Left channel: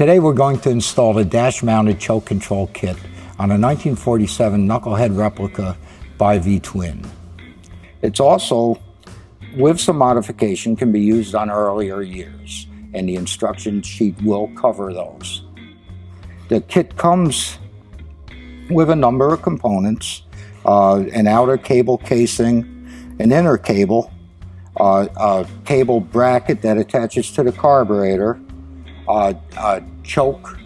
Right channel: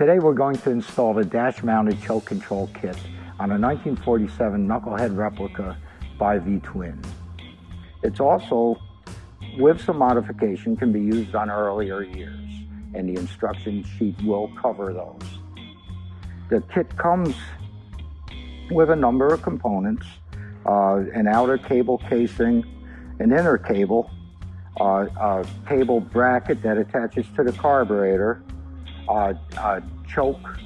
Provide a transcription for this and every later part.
Today we're going to install the dash-mounted choke control kit on a 1947 knucklehead replica by V-twin. It's also, with some modification, can be used on earlier years, and the instruction sheet will cover those. The kit comes with a number of components, an outer cable casing, an inner cable, a cable bracket that attaches to the carburetor, a choke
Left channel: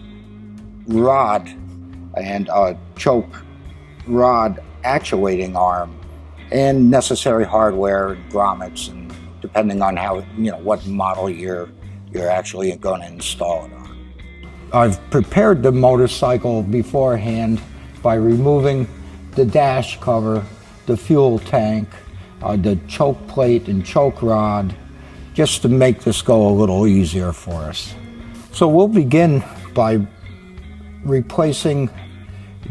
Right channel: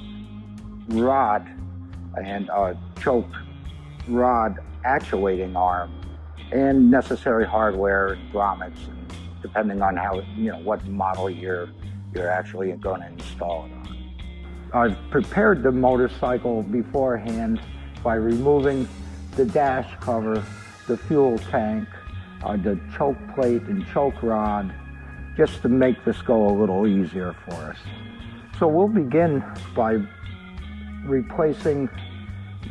rod and a choke rod actuating arm, and necessary hardware, grommets, and depending on how, what model you're actually going to install it on. I've prepared the motorcycle beforehand by removing the dash cover, the fuel tank, the choke plate and choke rod, just to make this go a little easier for us. So we'll begin by replacing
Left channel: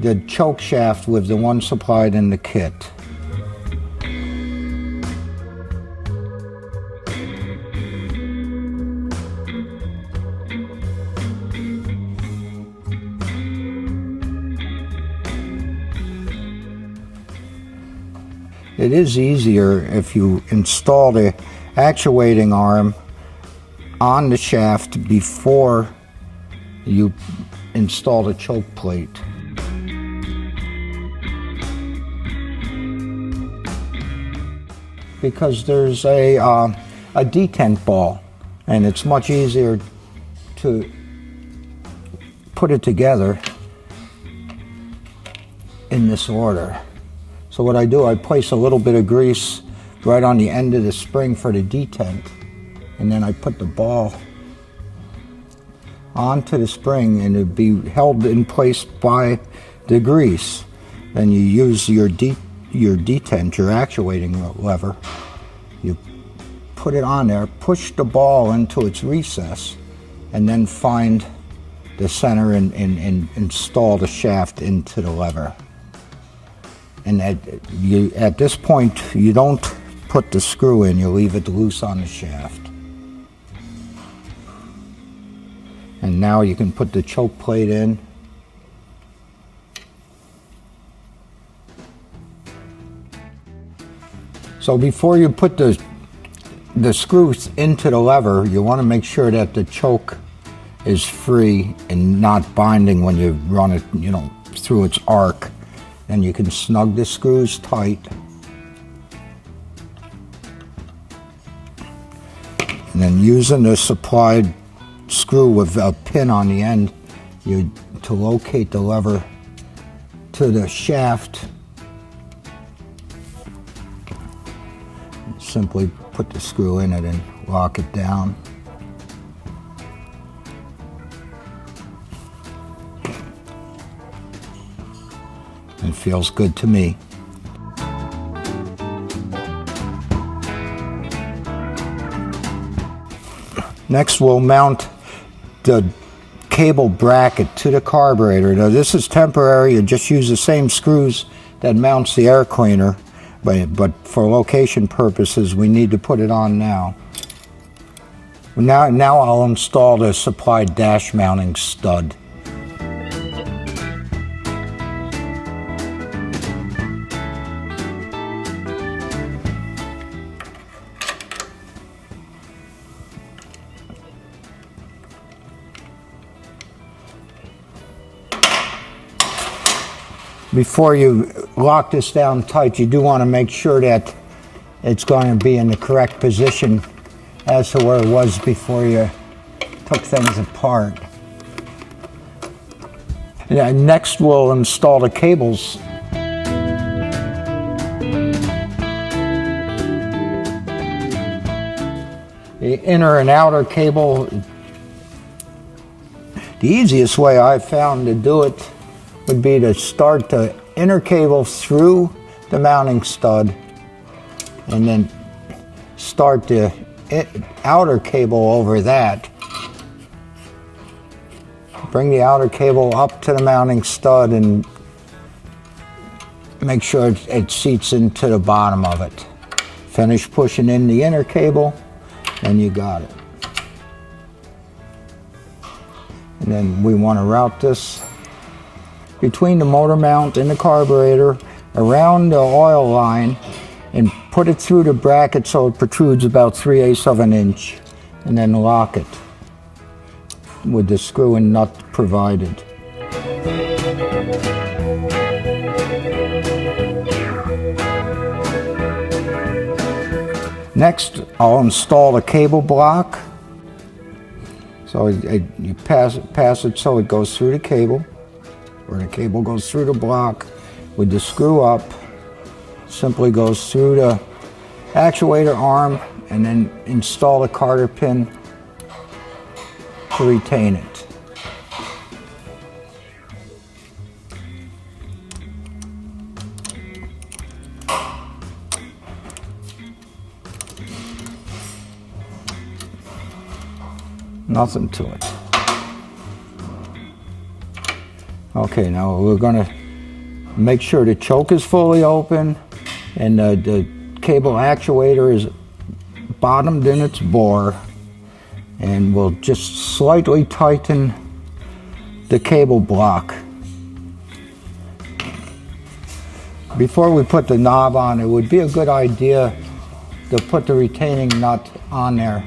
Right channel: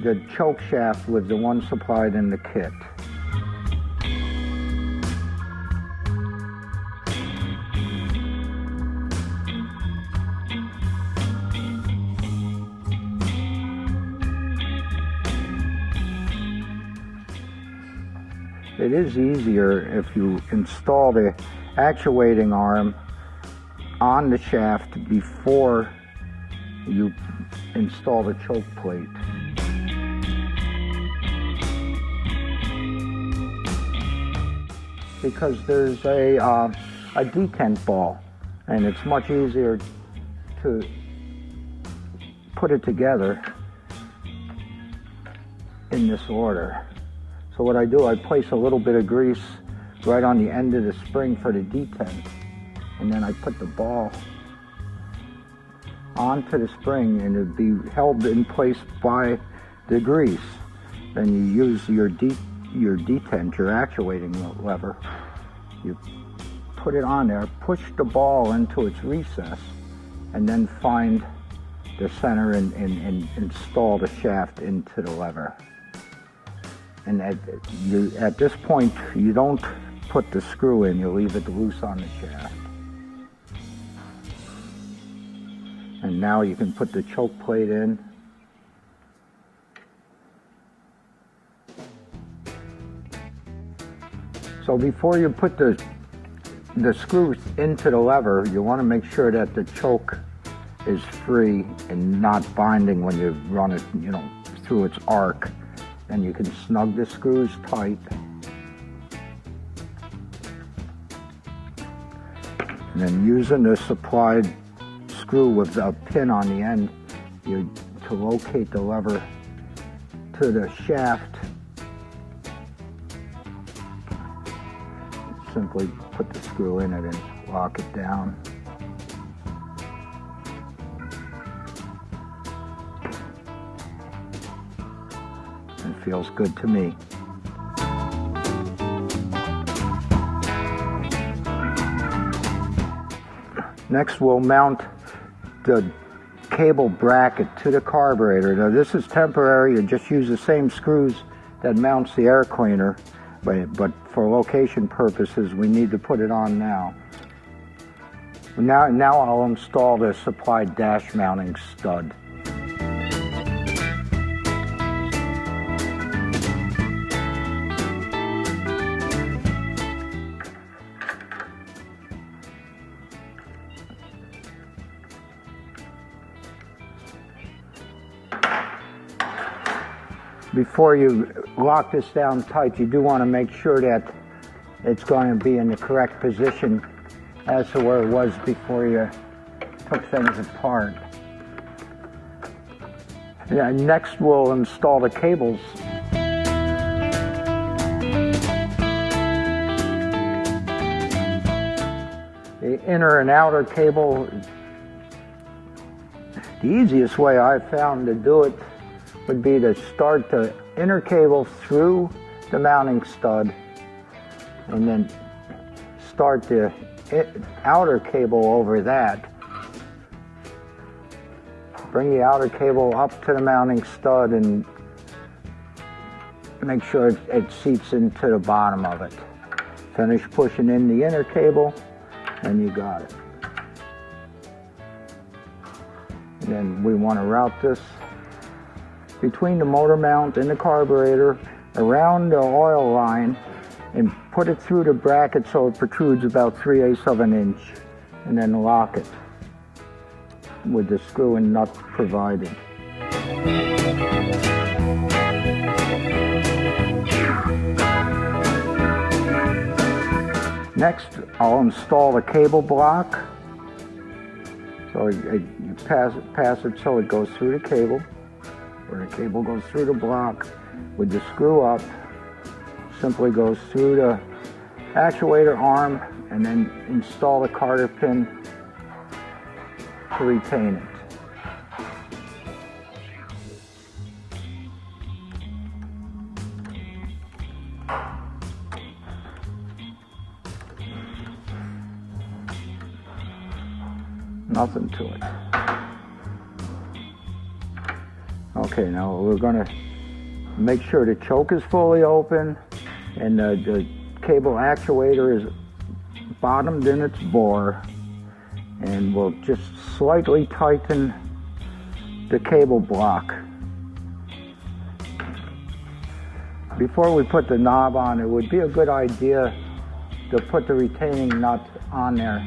the choke shaft with the one supplied in the kit. It is easier if you install the actuating arm on the shaft before you install the choke plate. Because there's a detent ball, and it's much easier to put it together in this order. So what I do, I place a little bit of grease right on the end of the spring for the detent, and then I put the ball onto the spring, and it'd be held in place by the grease. Then you use your detent, your actuating lever. You put it on there, push the ball into its recess, and then find the center and install the shaft into the lever. And at this point, you don't put the screw in, you leave it loose on the shaft. And now you can put the choke plate in. So before you put the screws into the lever, you want to make sure that the choke is free and not binding when you run it, through its arc. And you can snug the screws tight. And then using the supplied screw with a pin on the end, to locate the lever to the shaft, simply put the screw in it and lock it down. It feels good to me. Next, we'll mount the cable bracket to the carburetor. Now, this is temporary. You just use the same screws that mounts the air cleaner, but for location purposes, we need to put it on now. Now I'll install the supplied dash mounting stud. Before you lock this down tight, you do want to make sure that it's going to be in the correct position as to where it was before you took things apart. And next, we'll install the cables. The inner and outer cable. The easiest way I've found to do it would be to start the inner cable through the mounting stud and then start the outer cable over that. Bring the outer cable up to the mounting stud and make sure it seats into the bottom of it. Finish pushing in the inner cable and you got it. And then we want to route this between the motor mount and the carburetor, around the oil line, and put it through the bracket so it protrudes about 3/8 of an inch, and then lock it with the screw and nut provided. Next, I'll install the cable block. So you pass it so it goes through the cable, or the cable goes through the block with the screw up. Simply goes through the actuator arm and then install the carter pin to retain it. Nothing to it. Okay, now we're going to make sure the choke is fully open and the cable actuator is bottomed in its bore, and we'll just slightly tighten the cable block. Before we put the knob on, it would be a good idea to put the retaining nut on there.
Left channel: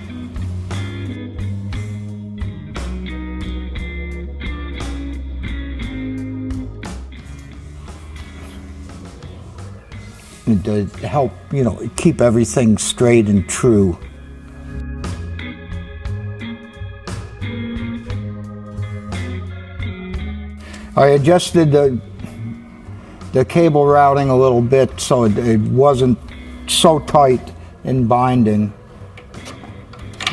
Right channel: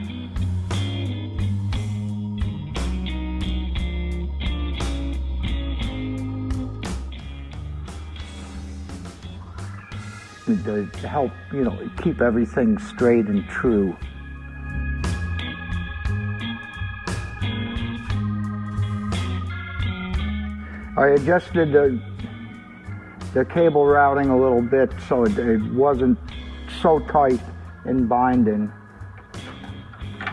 To help, keep everything straight and true. I adjusted the cable routing a little bit so it wasn't so tight in binding.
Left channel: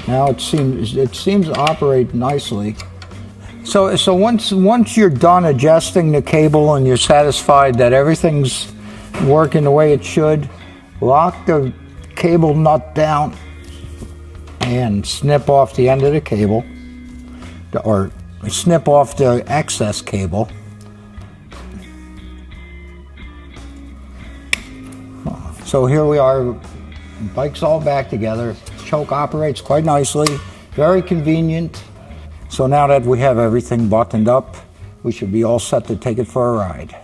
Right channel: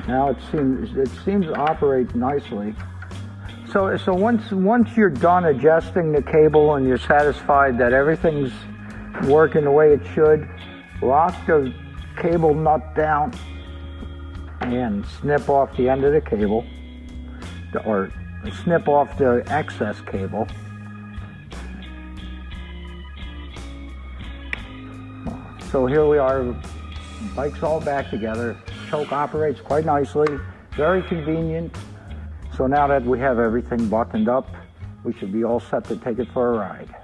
Now it seems to operate nicely. So once you're done adjusting the cable and you're satisfied that everything's working the way it should, lock the cable nut down and snip off the end of the cable, or snip off the excess cable. So here we are, bike's all back together. Choke operates quite nicely, very convenient. So now that we have everything buttoned up, we should be all set to take it for a ride.